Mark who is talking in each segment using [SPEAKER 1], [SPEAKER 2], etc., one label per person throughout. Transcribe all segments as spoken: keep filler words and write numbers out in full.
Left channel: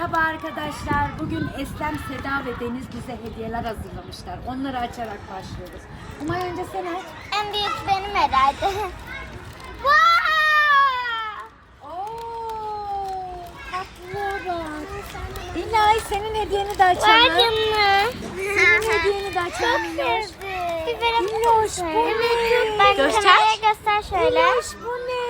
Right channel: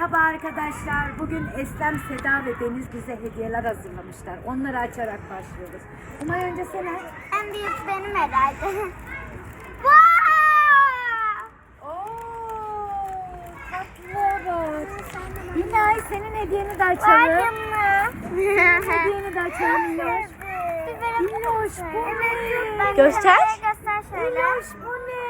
[SPEAKER 1] Merhaba arkadaşlar. Bugün Eslem, Seda ve Deniz bize hediyeler hazırlamışlar. Onları açarak başlıyoruz. Umay önce sen aç.
[SPEAKER 2] En büyük benim herhalde.
[SPEAKER 1] Ooo, tatlıya bak. İlay senin hediyeni de açalım. Senin hediyeni de açalım. İloş bu ne?
[SPEAKER 2] Göster. Göster şöyle.
[SPEAKER 1] İloş bu ne?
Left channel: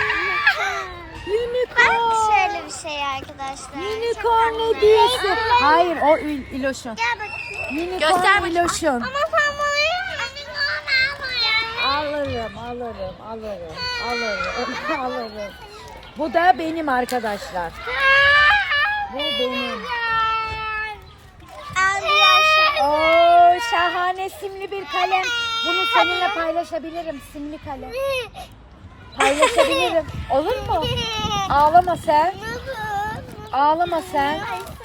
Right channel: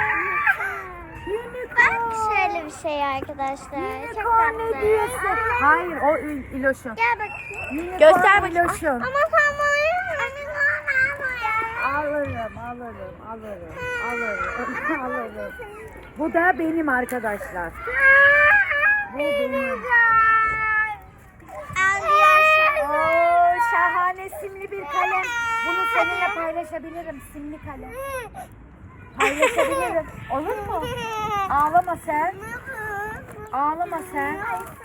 [SPEAKER 2] Bak
[SPEAKER 1] Unicorn.
[SPEAKER 2] şöyle bir şey arkadaşlar. Çok
[SPEAKER 1] Unicorn
[SPEAKER 2] tatlı.
[SPEAKER 1] hediyesi. Hayır o İl- İloş'un.
[SPEAKER 2] Gel bakayım.
[SPEAKER 1] Unicorn
[SPEAKER 3] Göster bakayım.
[SPEAKER 1] İloş'un.
[SPEAKER 2] Ama sen bana unicorn
[SPEAKER 1] Alırım, alırım, alırım, alırım, alırım. Bu da benim arkadaşlar. Bu benim. Oo, şahane simli bir kalem. Bunu seninle paylaşabilirim, simli kalem. Paylaşabilirim. Olur mu? Ağlama sen. Ağlama sen.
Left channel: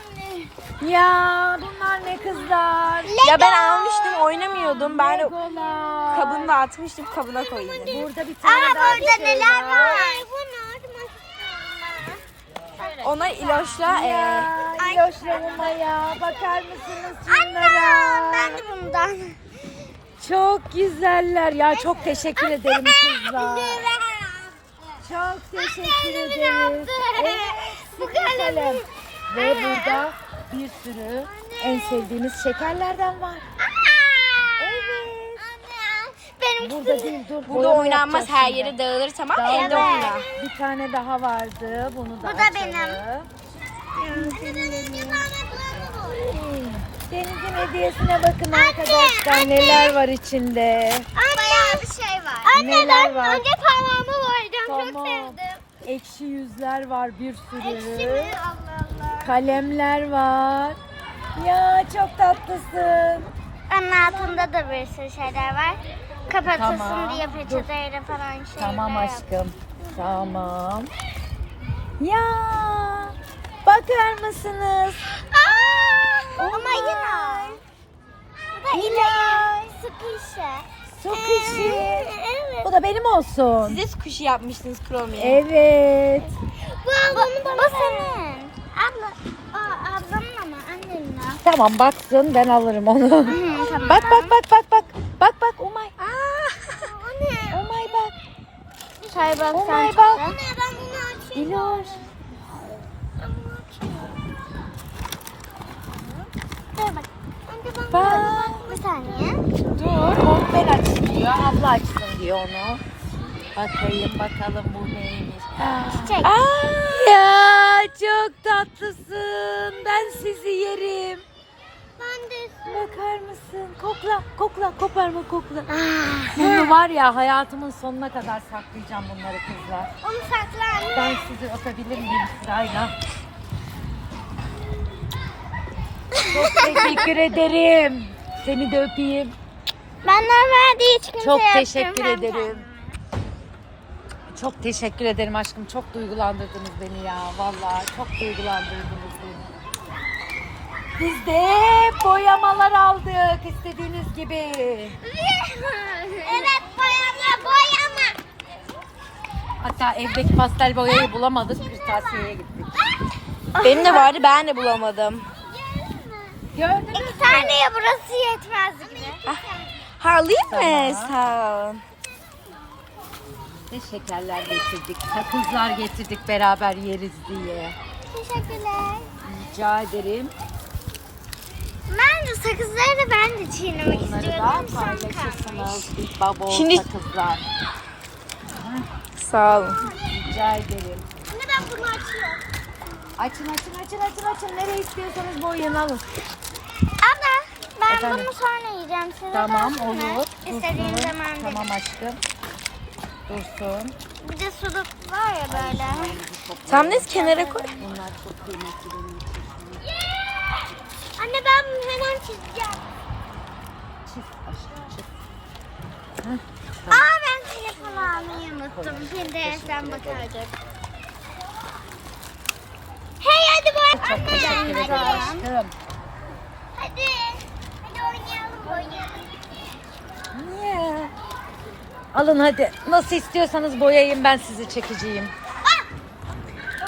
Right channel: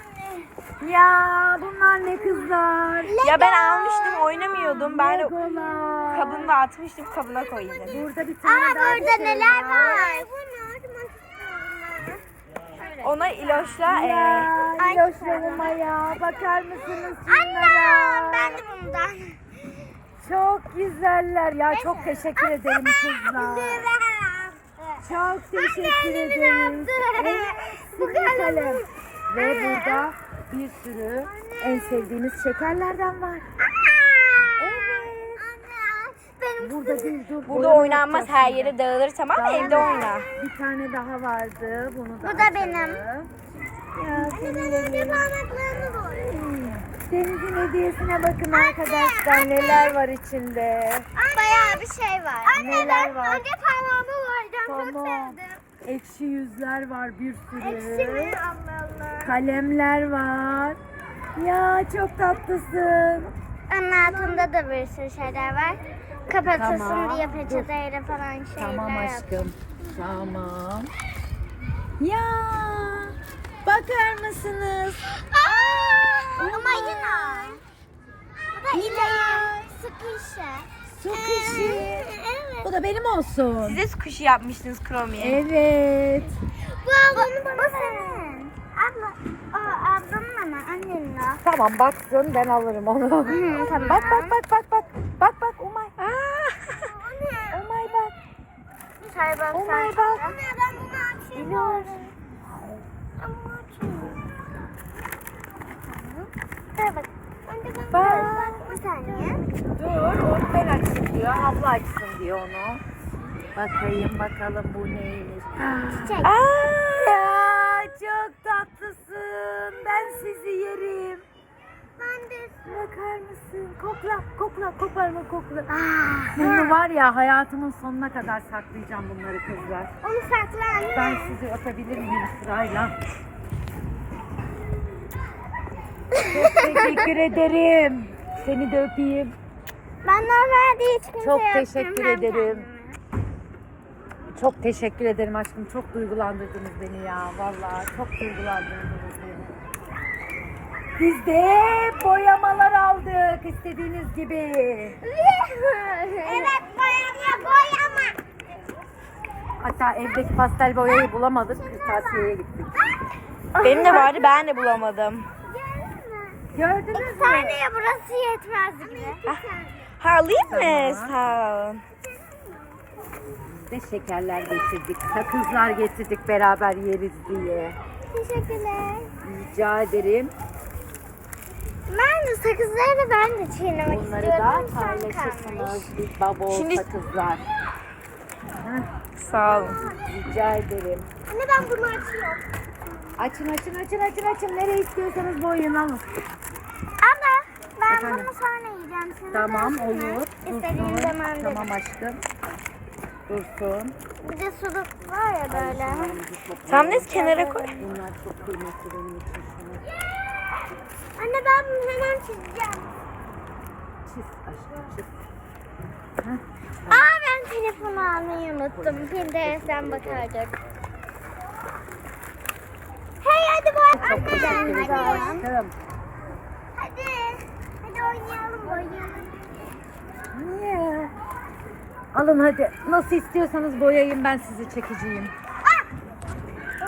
[SPEAKER 1] Ya bunlar ne kızlar?
[SPEAKER 3] Ya ben almıştım, oynamıyordum. Ben de
[SPEAKER 1] Legolar.
[SPEAKER 3] kabını da atmıştım, kabına koydum.
[SPEAKER 1] Burada bir tane
[SPEAKER 2] Aa
[SPEAKER 1] daha bir
[SPEAKER 2] burada
[SPEAKER 1] şey
[SPEAKER 2] neler
[SPEAKER 1] var.
[SPEAKER 2] var?
[SPEAKER 3] Ona İloş'la e,
[SPEAKER 1] Ya, Yoşlarıma ya. Bakar mısınız
[SPEAKER 2] Anne
[SPEAKER 1] şunlara?
[SPEAKER 2] ben de bundan.
[SPEAKER 1] Çok güzeller ya. Çok teşekkür ederim kızlar. Çok teşekkür ederiz. Evet,
[SPEAKER 2] Bu
[SPEAKER 1] simli kalem. Ve burada bir sürü en sevdiğiniz şekerlerden var.
[SPEAKER 2] Benim
[SPEAKER 1] Burada değil dur.
[SPEAKER 3] burada
[SPEAKER 1] boyama
[SPEAKER 3] oynanmaz,
[SPEAKER 1] yapacağız
[SPEAKER 3] her
[SPEAKER 1] şimdi.
[SPEAKER 3] yere dağılır, tamam mı? Evde oyna.
[SPEAKER 1] Bir tane daha vardı. Bunu da
[SPEAKER 2] Bu da
[SPEAKER 1] açalım.
[SPEAKER 2] benim.
[SPEAKER 1] Ya, senin Deniz'in hediyesine bakın arkadaşlar. Neler var içinde.
[SPEAKER 2] Bayağı bir şey var. Anne
[SPEAKER 1] Neler
[SPEAKER 2] ben
[SPEAKER 1] var?
[SPEAKER 2] önce parmağımı boyayacağım. Çok
[SPEAKER 1] Tamam.
[SPEAKER 2] sevdim.
[SPEAKER 1] Ekşi yüzler var bir sürü.
[SPEAKER 2] Ekşi mi? Allah Allah.
[SPEAKER 1] Kalemler var. Ya çok tatlısın.
[SPEAKER 2] Onun altında da bir sürü şeyler var. Kapatırsın
[SPEAKER 1] Tamam.
[SPEAKER 2] diye peçeteyle falan şeyler.
[SPEAKER 1] Tamam
[SPEAKER 2] yap.
[SPEAKER 1] aşkım. Tamam. Ya bakar mısınız?
[SPEAKER 2] Aa, ama
[SPEAKER 1] Olmaz.
[SPEAKER 2] yine. Bu da
[SPEAKER 1] İlay.
[SPEAKER 2] ilaç. Sıkışı.
[SPEAKER 1] Çok işi.
[SPEAKER 2] Evet.
[SPEAKER 1] Bu da benim olsun.
[SPEAKER 3] Siz de kuşu yapmıştınız Chrome'ye.
[SPEAKER 1] Evet.
[SPEAKER 2] Bu ablanın bana. Bu senin. Abla. Aa, ablanın ama annenin o.
[SPEAKER 1] Tamam baksın ben alırım onu.
[SPEAKER 2] Hı, tamam.
[SPEAKER 1] Bak bak bak bak bak. Bak bak Umay.
[SPEAKER 2] Aa, anne.
[SPEAKER 1] Umay bak.
[SPEAKER 2] Çay bak sen
[SPEAKER 1] Umay
[SPEAKER 2] çıktı.
[SPEAKER 1] bak.
[SPEAKER 2] Anne ben bunu açayım.
[SPEAKER 1] İloş.
[SPEAKER 2] Dur bak. Anne ben
[SPEAKER 1] Bak.
[SPEAKER 2] bak. Bir saniye.
[SPEAKER 1] Dur onu ben açayım diyor. Abla açsın diyor onu. Bakayım bakalım bu neymiş.
[SPEAKER 2] Çiçek.
[SPEAKER 1] Aa, ya çok tatlısın. Ben sizi yerim.
[SPEAKER 2] Ben de.
[SPEAKER 1] Bakar mısın? Kokla, kokla, koparma kokla. Bunu var ya hayatımın sonuna kadar saklayacağım bunları kızlar.
[SPEAKER 2] Onu sakla anne.
[SPEAKER 1] Ben sizi öpebilir miyim sırayla? Çok teşekkür ederim. Seni de öpeyim.
[SPEAKER 2] Benden verdiği hiç kimseye
[SPEAKER 1] Çok teşekkür
[SPEAKER 2] yaptırmam
[SPEAKER 1] ederim. Çok teşekkür ederim aşkım. Çok duygulandırdınız beni ya. Vallahi çok duygulandırdınız beni. Biz de boyamalar aldık istediğiniz gibi.
[SPEAKER 2] Evet boyama boyama.
[SPEAKER 1] Hatta evdeki pastel boyayı bulamadık. Kırtasiyeye gittik.
[SPEAKER 3] Benim de vardı, ben de bulamadım.
[SPEAKER 1] Gördünüz mü?
[SPEAKER 2] İki tane ya burası yetmez bile.
[SPEAKER 3] Ha, alayım
[SPEAKER 1] Tamam.
[SPEAKER 3] mı? Sağ ol.
[SPEAKER 1] Ne şekerler getirdik. Sakızlar getirdik beraber yeriz diye.
[SPEAKER 2] Teşekkürler.
[SPEAKER 1] Rica ederim.
[SPEAKER 2] Ben de sakızları da ben de çiğnemek
[SPEAKER 1] Bunları
[SPEAKER 2] istiyordum.
[SPEAKER 1] da
[SPEAKER 2] Son kalmış.
[SPEAKER 1] paylaşırsınız. Big Bubble
[SPEAKER 3] Şimdi-
[SPEAKER 1] sakızlar.
[SPEAKER 3] Sağ olun.
[SPEAKER 1] Rica ederim.
[SPEAKER 2] Anne ben bunu açıyorum.
[SPEAKER 1] Açın açın açın açın açın. Nereye istiyorsanız boyayın alın.
[SPEAKER 2] Abla ben
[SPEAKER 1] Efendim?
[SPEAKER 2] bunu sonra yiyeceğim. Size
[SPEAKER 1] Tamam,
[SPEAKER 2] versene.
[SPEAKER 1] olur.
[SPEAKER 2] İstediğim zaman
[SPEAKER 1] Tamam
[SPEAKER 2] derim.
[SPEAKER 1] aşkım. Dursun.
[SPEAKER 2] Bir de suluk var ya böyle.
[SPEAKER 3] Tam ne kenara koy.
[SPEAKER 1] Bunlar çok kıymetli benim için şu an.
[SPEAKER 2] Anne ben bunu hemen çizeceğim.
[SPEAKER 1] Çiz aşkım çiz.
[SPEAKER 2] Aa ben telefonu almayı unuttum. Pinterest'ten bakardım. Hey hadi boy.
[SPEAKER 1] Çok teşekkür ederim aşkım.
[SPEAKER 2] Hadi. Hadi oynayalım oynayalım.
[SPEAKER 1] Niye? Alın hadi. Nasıl istiyorsanız boyayayım ben sizi çekeceğim.